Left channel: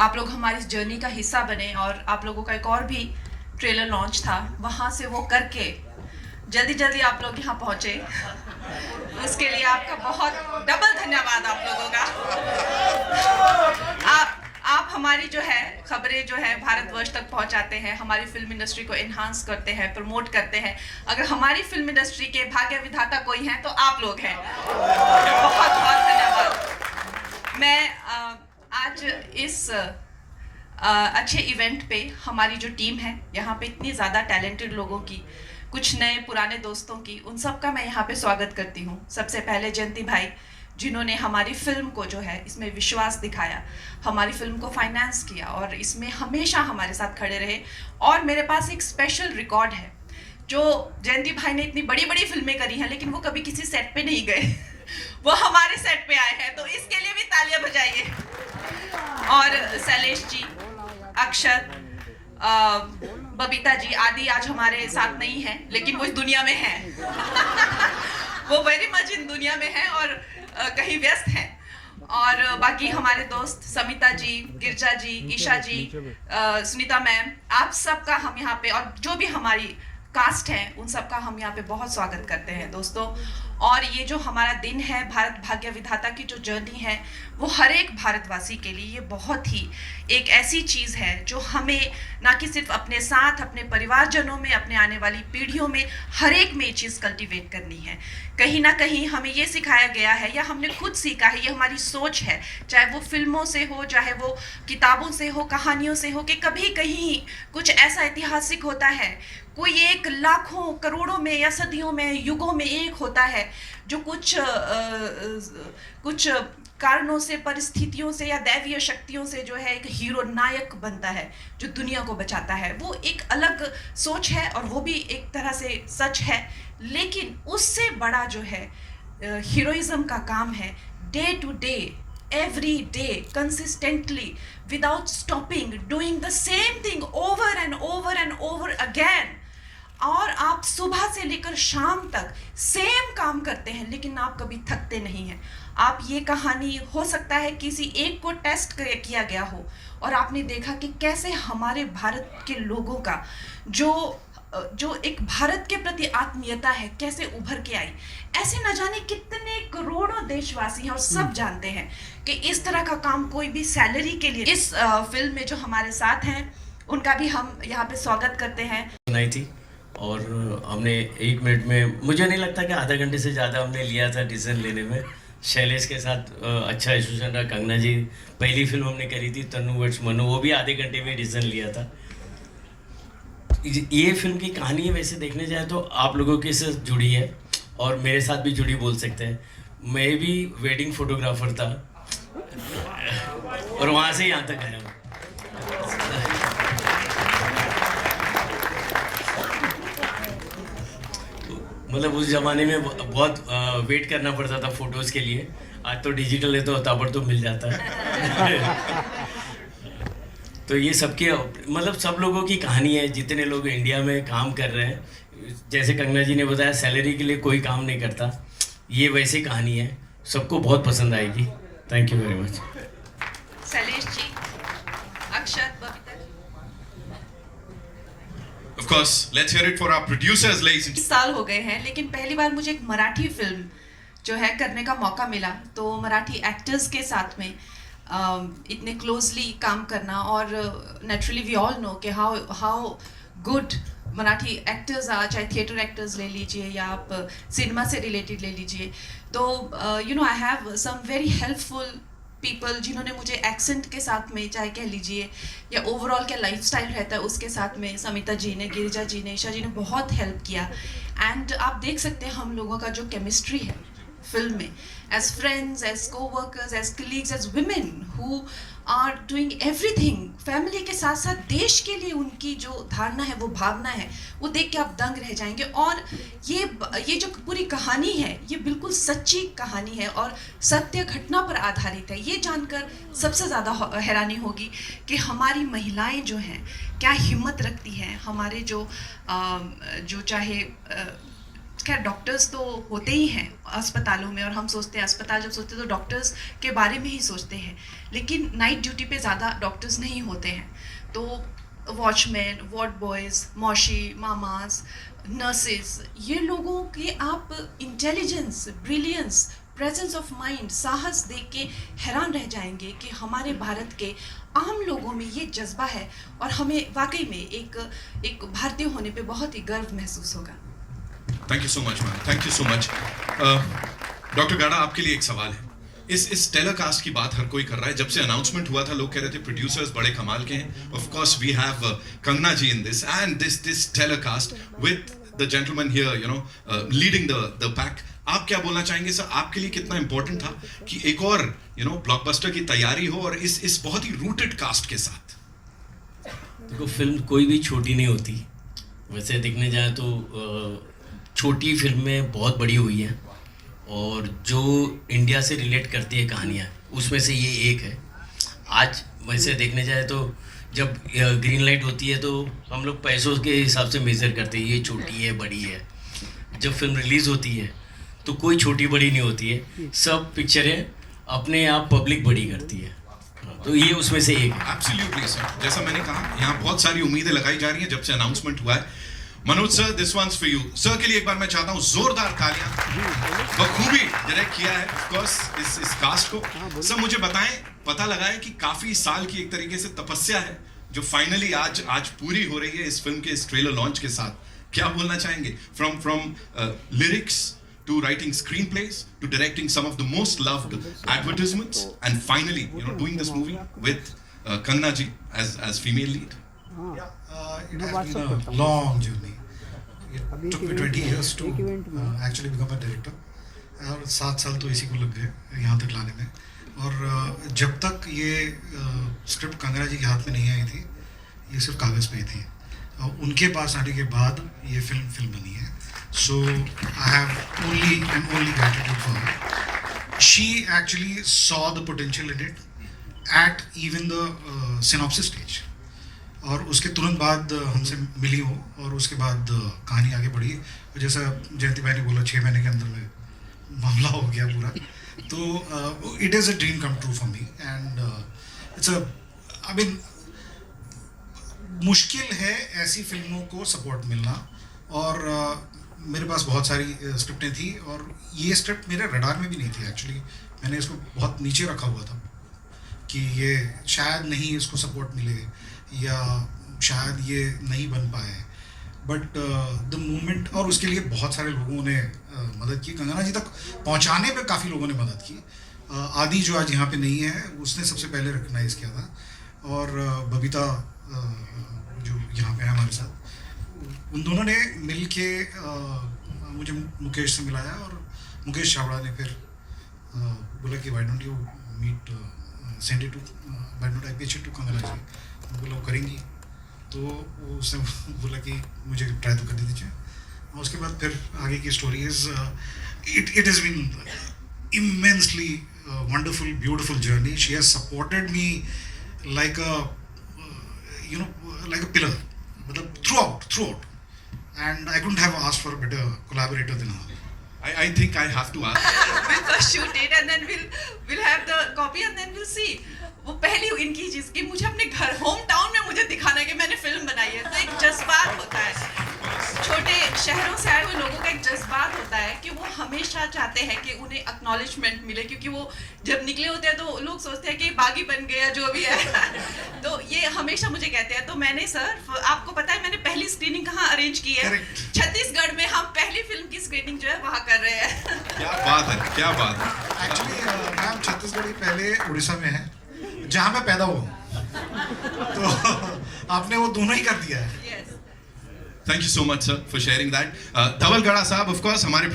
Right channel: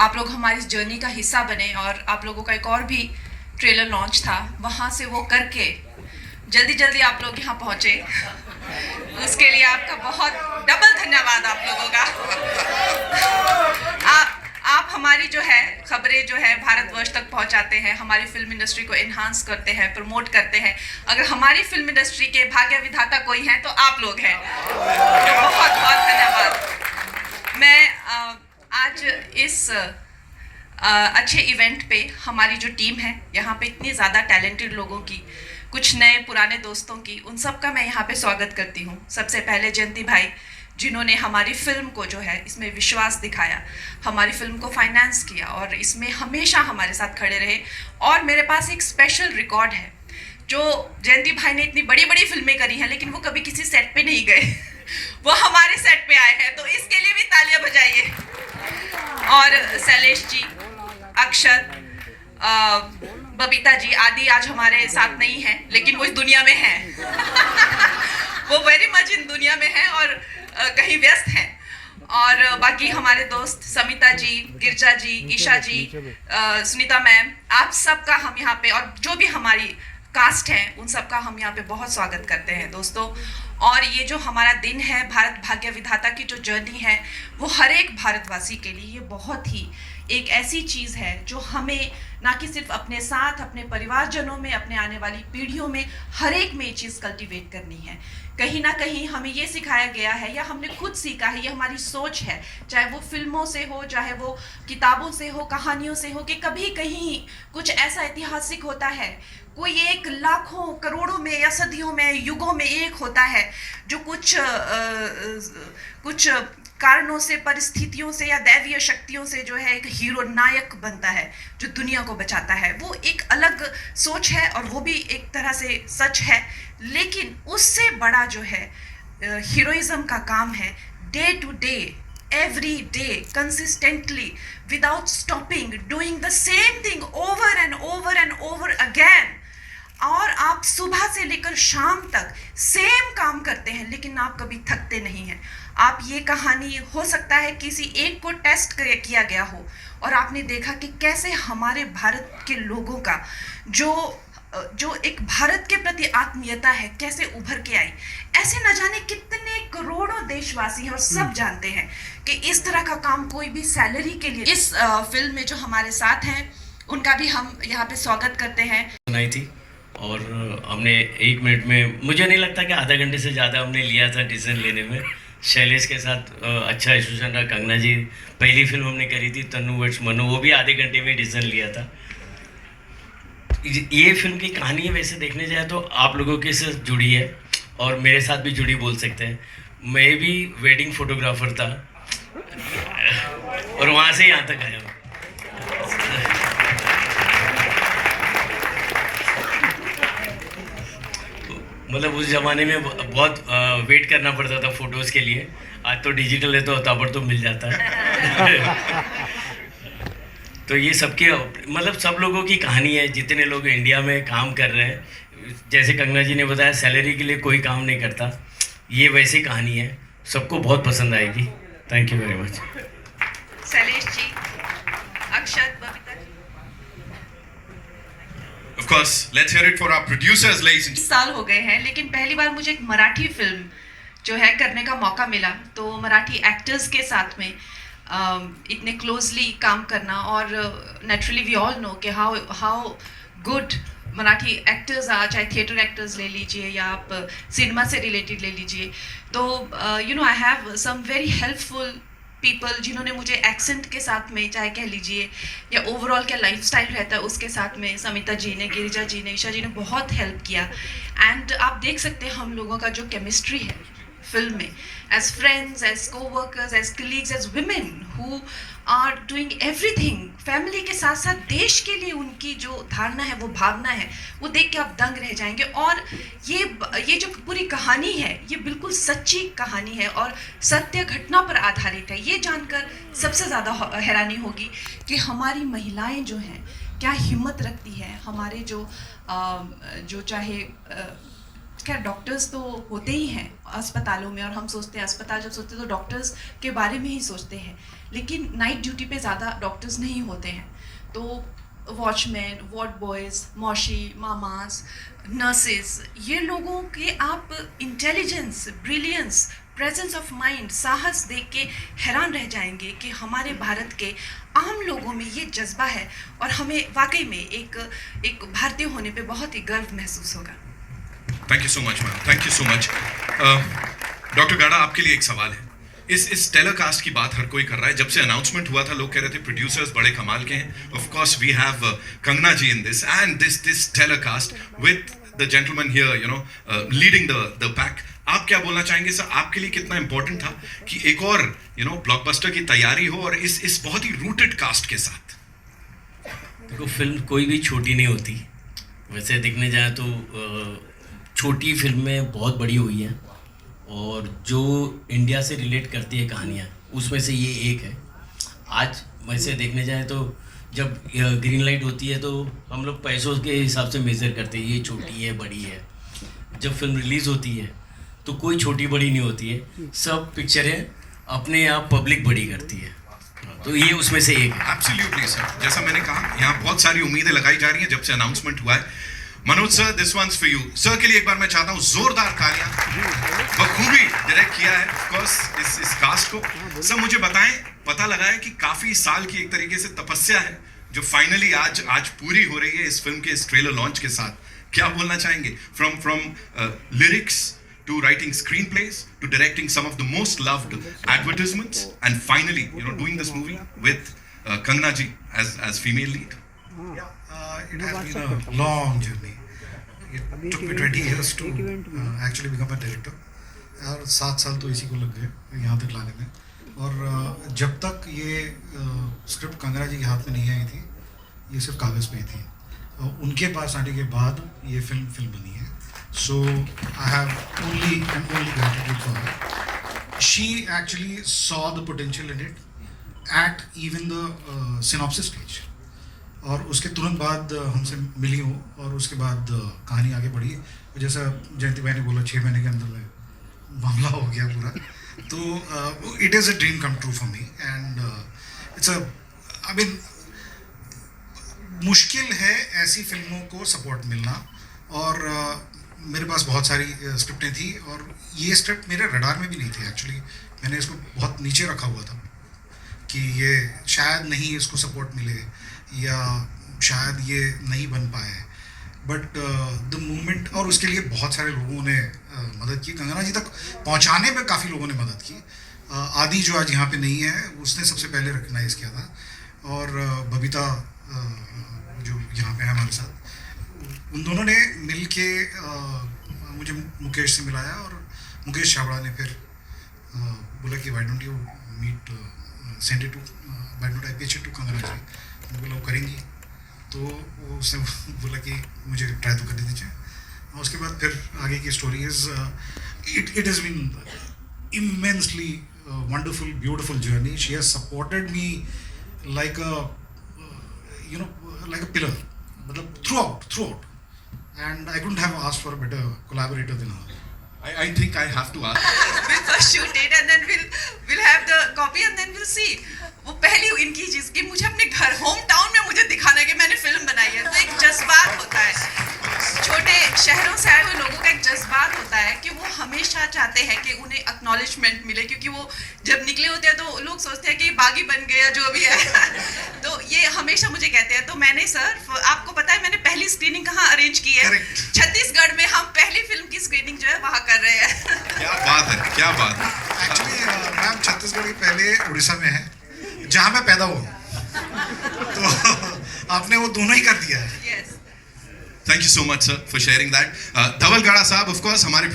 आप लोग हमारी इस जर्नी का हिस्सा बने और आप लोगों का एक और भी ट्रेलर लॉन्च था, वहाँ से वो करके जल्दी जल्दी आप लोग यहाँ पहुँचे। उसके लिए आपका बहुत डबल धन्यवाद आप लोगों का। आप हमारी जो है खबरें जो है भारतवर्ष तक पहुंचाते हैं, हमारी फिल्म इंडस्ट्री को एनहांस करते हैं, प्रमोट करते हैं। अगर हमारी फिल्म इंडस्ट्री के भाग्य विधाता कोई हैं तो आप लोग हैं। बहुत बहुत धन्यवाद। मैं आज इस अच्छे इवेंट पे हमारी जो टीम है, यहाँ पे इतनी ज़्यादा टैलेंटेड लोगों की, कुछ नए पुराने दोस्तों की, उन सब का मैं यहाँ पे स्वागत करती हूँ। सबसे पहले जयंती भाई, जिन्होंने हमारी फिल्म को जो है इसमें विश्वास दिखाया, हमारी फिल्म को फाइनेंस किया और इसमें हमेशा हमारे साथ खड़े रहे। और मेरे पास एक स्पेशल रिकॉर्ड है, जो जयंती भाई ने इतनी बड़ी बड़ी फिल्में करी हैं लेकिन वो कभी किसी सेट पे नहीं गए। वो हमारे सेट पे आए हैं, तो इसके लिए भी तालियां बजाइए। और शैलेश जी, अक्षत, बबीता जी आदि आज हमारे साथ नहीं हैं, लेकिन वो इस दुनिया में हैं। वो वेरी मच इन दुनिया में हैं और कहीं व्यस्त हैं। और बाकी हमारे दोस्त समिता जी, गिरजा जी, ईशा जी, सुनीता मैम, आप सबका हम यहाँ पे, और जो भी हमारी कास्ट है उन सबका हम यहाँ पे बहुत स्वागत करते हैं दोस्तों। और ये जो हमारा दिन है, भारत भाग्य विधाता की जो जर्नी है, वो हर एक भारतवासी के लिए ये बहुत ही एक ऐसी चीज़ है जो हमें ना कि सिर्फ अपने साथ, अपने परिवारजनों में, अपने आने वाली पीढ़ियों में, हर एक में ये चीज़ कल्टीवेट करनी है। कहीं ना कहीं हमें ये सिखाया गया है या हमने खुद सीखा है, ये हमारी सोच है, चाहे वो फिल्मों से हो, चाहे वो किताबों से हो, कहानियों से हो, कि कभी कहीं कुछ ऐसा ऐतिहासिक होता है, कोई एक लाखों करोड़ों में या सदियों में, युगों में एक होता है जो कुछ कारणों से, परिस्थितियों से या दैवीय शक्तियों से जो है एक हीरो नायक बनता है जो दुनिया को बचाता है। वो एक अलग सोच है और वो भी एक तरह से सच है, लेकिन उससे बड़ा जो है हीरोइज्म का काम है day to day, every day, consistently, without stopping, doing the same thing over and over and over again. और आप सुबह से लेकर शाम तक सेम काम करते हैं, लेकिन आप कभी थकते नहीं हैं। आप ये कहानी हो सकता है किसी एक को टेस्ट किया गया हो और आपने देखा कि कैसे हमारे भारत के लोगों का जो एक भारत के प्रति आत्मीयता है कैसे उभर के आई। ऐसे न जाने कितने करोड़ों देशवासी हैं और सब जानते हैं कि इस तरह का काम कोई भी सैलरी के लिए। इस फिल्म में जो हमारे साथ हैं उनका भी हम यहाँ पे स्वागत करते हैं। सुनाई थी और हमने 1 मिनट में, मुझे नहीं लगता कि आधा घंटे से ज़्यादा हमने लिया था डिसीजन लेने में। शैलेश के साथ अच्छा एसोसिएशन रहा। कंगना जी, पहली फिल्म हमने करी थी तन्नू वर्ष मनु, वो भी आधे घंटे में डिसीजन लिया था। ये फिल्म की कहानी है, वैसे देखने जाए तो आप लोगों के से जुड़ी है और मेरे साथ भी जुड़ी बोल सकते हैं। मैं भी वेडिंग फोटोग्राफर था और वहाँ से यहाँ तक आया। मतलब उस ज़माने में बहुत वेट करना पड़ता था फ़ोटोज़ के लिए। आज तो डिजिटल है तो ताबड़तोड़ मिल जाता है। तो ये सबके, मतलब सब लोगों की कहानी है, जितने लोग इंडिया में काम कर रहे हैं। जैसे कंगना जी ने बताया, सैलरी के लिए कोई काम नहीं करता, ये वैसी कहानी है, सबको बहुत पसंद आएगी। Thank you very much. Shailesh ji, Akshat, Babita ji. Of course, let's hear it for our producers, ladies and 20 साल हो गए हैं, लेकिन पहली बार मुझे एक मराठी फिल्म जो है करने का मौका मिला, तो मराठी एक्टर्स के साथ में इतने क्लोजली काम करना। और नेचुरली वी ऑल नो कि हाउ गुड मराठी एक्टर्स आ, चाहे थिएटर एक्टर्स ले लीजिए या आप सिनेमा से रिलेटेड ले लीजिए। तो you know I have some very helpful people जिन्होंने मुझे एक्सेंट के साथ में, चाहे कह लीजिए, या ओवरऑल क्या लाइफस्टाइल रहता है उसके साथ में, समिता जी ने, गिरिजा जी ने, ईशा जी ने बहुत हेल्प किया। एंड आप देख सकते हैं हम लोगों का जो केमिस्ट्री है फिल्म में, as friends, as co-workers, as colleagues, as women who are doing everything, family के साथ साथ देश के लिए उनकी जो धारणा है, वो भावना है, वो देख के आप दंग रह जाएंगे। और ये जो पूरी कहानी है, ये बिल्कुल सच्ची कहानी है और सत्य घटना पर आधारित है। ये जानकर सबसे ज़्यादा हैरानी होगी कि हमारी महिलाएं जो हैं क्या हिम्मत रखती हैं, हमारे जो चाहे खैर डॉक्टर्स तो होते ही हैं अस्पतालों में, और हम सोचते हैं अस्पताल जब सोचते हैं तो डॉक्टर्स के बारे में ही सोचते हैं, लेकिन नाइट ड्यूटी पे ज़्यादा डॉक्टर्स नहीं होते हैं। तो वॉचमैन, वार्ड बॉयज़, मौशी, मामाज, नर्सेस, ये लोगों के आप intelligence, brilliance, presence of mind, साहस देख के हैरान रह जाएंगे कि हमारे भारत के आम लोगों में ये जज्बा है, और हमें वाकई में एक भारतीय होने पे बहुत ही गर्व महसूस होगा। Thank you so much ma'am, thank you so much. Doctor गाड़ा, आपके लिए एक सवाल है। इस टेलीकास्ट की बात हर कोई कर रहा है। जब से अनाउंसमेंट हुआ था लोग कह रहे थे प्रोड्यूसर्स बड़े कमाल के हैं। Of course we have Kangana ji in this, and this telecast with the gentleman here, you know, leading the pack. आप क्या बोलना चाहेंगे सर, आपके लिए कितना इंपॉर्टेंट था कि एक और ब्लॉकबस्टर की तैयारी हो, और इस बहुत ही रूटेड कास्ट के साथ? देखो, फिल्म कोई भी छोटी नहीं होती। वैसे देखने जाए तो छोटी फिल्में बहुत बड़ी हुई हैं, और जो इंडिया से रिलेट करती है कहानियाँ, उसमें से ये एक है। आज वैसे देखने जाए तो जब ग्रीन लाइट होती है तो हम लोग पैसों के हिसाब से मेज़र करते हैं, ये छोटी है, बड़ी है। जब फिल्म रिलीज़ होती है तो कोई छोटी बड़ी नहीं होती है, सब पिक्चरें अपने आप पब्लिक बड़ी करती है, तो ये उसमें से एक है। एब्सोल्युटली सर, जैसा मैंने कहा, यहाँ बहुत सारी उम्मीदें लगाई जा रही हैं जब से अनाउंसमेंट हुआ है। Manoj sir, this one's for you. Sir के लिए एक बार मैं चाहता हूँ जोरदार तालियां। बखूबी डायरेक्ट किया है ऑफ कोर्स इस कास्ट को। सर मुझे बताएं, पता लगा है कि काफी साल की एक तरीके से तपस्या है जो फाइनली आज पूरी हो रही है इस फिल्म के इस ट्रेलर लॉन्च के साथ। क्या बोलना चाहेंगे? From lyrics to writing screenplays to directing some of the most loved advertisements, and finally doing this movie with Kangana ji as female lead. It has been a long journey. It took me 20 years to actually become a director, और 7 साल तो इसी को लग गए यहाँ तक लाने में। और जब तक ये स्क्रिप्ट कंगना जी के हाथ में नहीं आई थी, ये सिर्फ कागज़ पे ही थी, और उनके पास आने के बाद ये फिल्म बनी है। So I have only gratitude for her. She actually saw the potential in it at even the synopsis stage. और उसके तुरंत बाद हमसे मिली हो, और उसके बाद कहानी आगे बढ़ी। जैसा जयंती भाई ने बोला, 6 महीने के अंदर में मामला हो गया पूरा। तो it is a dream come true for me, and I mean, मुश्किल है ऐसी फिल्मों को सपोर्ट मिलना, और मेरे पास बहुत सारी स्क्रिप्टें थी, और ये स्क्रिप्ट मेरे रडार में भी नहीं थी एक्चुअली। मैंने इसको बहुत नीचे रखा हुआ था कि ये शायद नहीं इसको सपोर्ट मिले, या शायद ये नहीं बन पाए। बट द मूवमेंट, और उसके लिए बहुत सारे लोगों ने मदद की। कंगना जी तक पहुंचाने पे काफ़ी लोगों ने मदद की। आदि जो आज यहाँ पे नहीं है, उसने सबसे पहले रिकग्नाइज़ किया था, और बबीता जो यहाँ पे है हमारे साथ, उन दोनों ने मिल के मुझे मुकेश से मिलाया, और मुकेश छाबड़ा ने फिर बोला कि why don't you meet, send it to, why don't I pitch it to Kangana ji. बोला वो करेंगी, तो उसने बोला कि मुझे ट्राई तो करने दीजिए। और उसके बाद फिर आगे की story is it has been immensely wonderful, beautiful journey. She has supported me like a pillar, मतलब throughout, and I couldn't have asked for a better collaborator than her. I think I have to ask. We'll first shoot it and then we'll have the copy and then we'll see. वो पहली इनकी चीज़ कि मुझे अपने घर home town में मुझे दिखाना है कि मैंने फिल्म बनाई है, तो एक जज्बात होता है। छोटे शहरों से आए हुए लोगों का एक जज्बात होता है कि वो हमेशा चाहते हैं कि उन्हें एक्नॉलेजमेंट मिले, क्योंकि वो जब निकले होते हैं तो लोग सोचते हैं कि बागी बन गया जो भी है। तो ये हमेशा मुझे कहते हैं। तो मैंने सर, आपको पता है मैंने पहली स्क्रीनिंग कहाँ अरेंज की है? छत्तीसगढ़ में हम पहली फिल्म की स्क्रीनिंग जो है वहाँ कर रहे हैं। क्या बात है, क्या बात है। एक्चुअली मैम छत्तीसगढ़ के पहले उड़ीसा में है, जहाँ मैं पैदा हुआ, तो आपने वो दोनों ही कर दिया है। Yes. Thank you so much, sir, for sharing that. Dhaval Gada साहब, of course, हमारे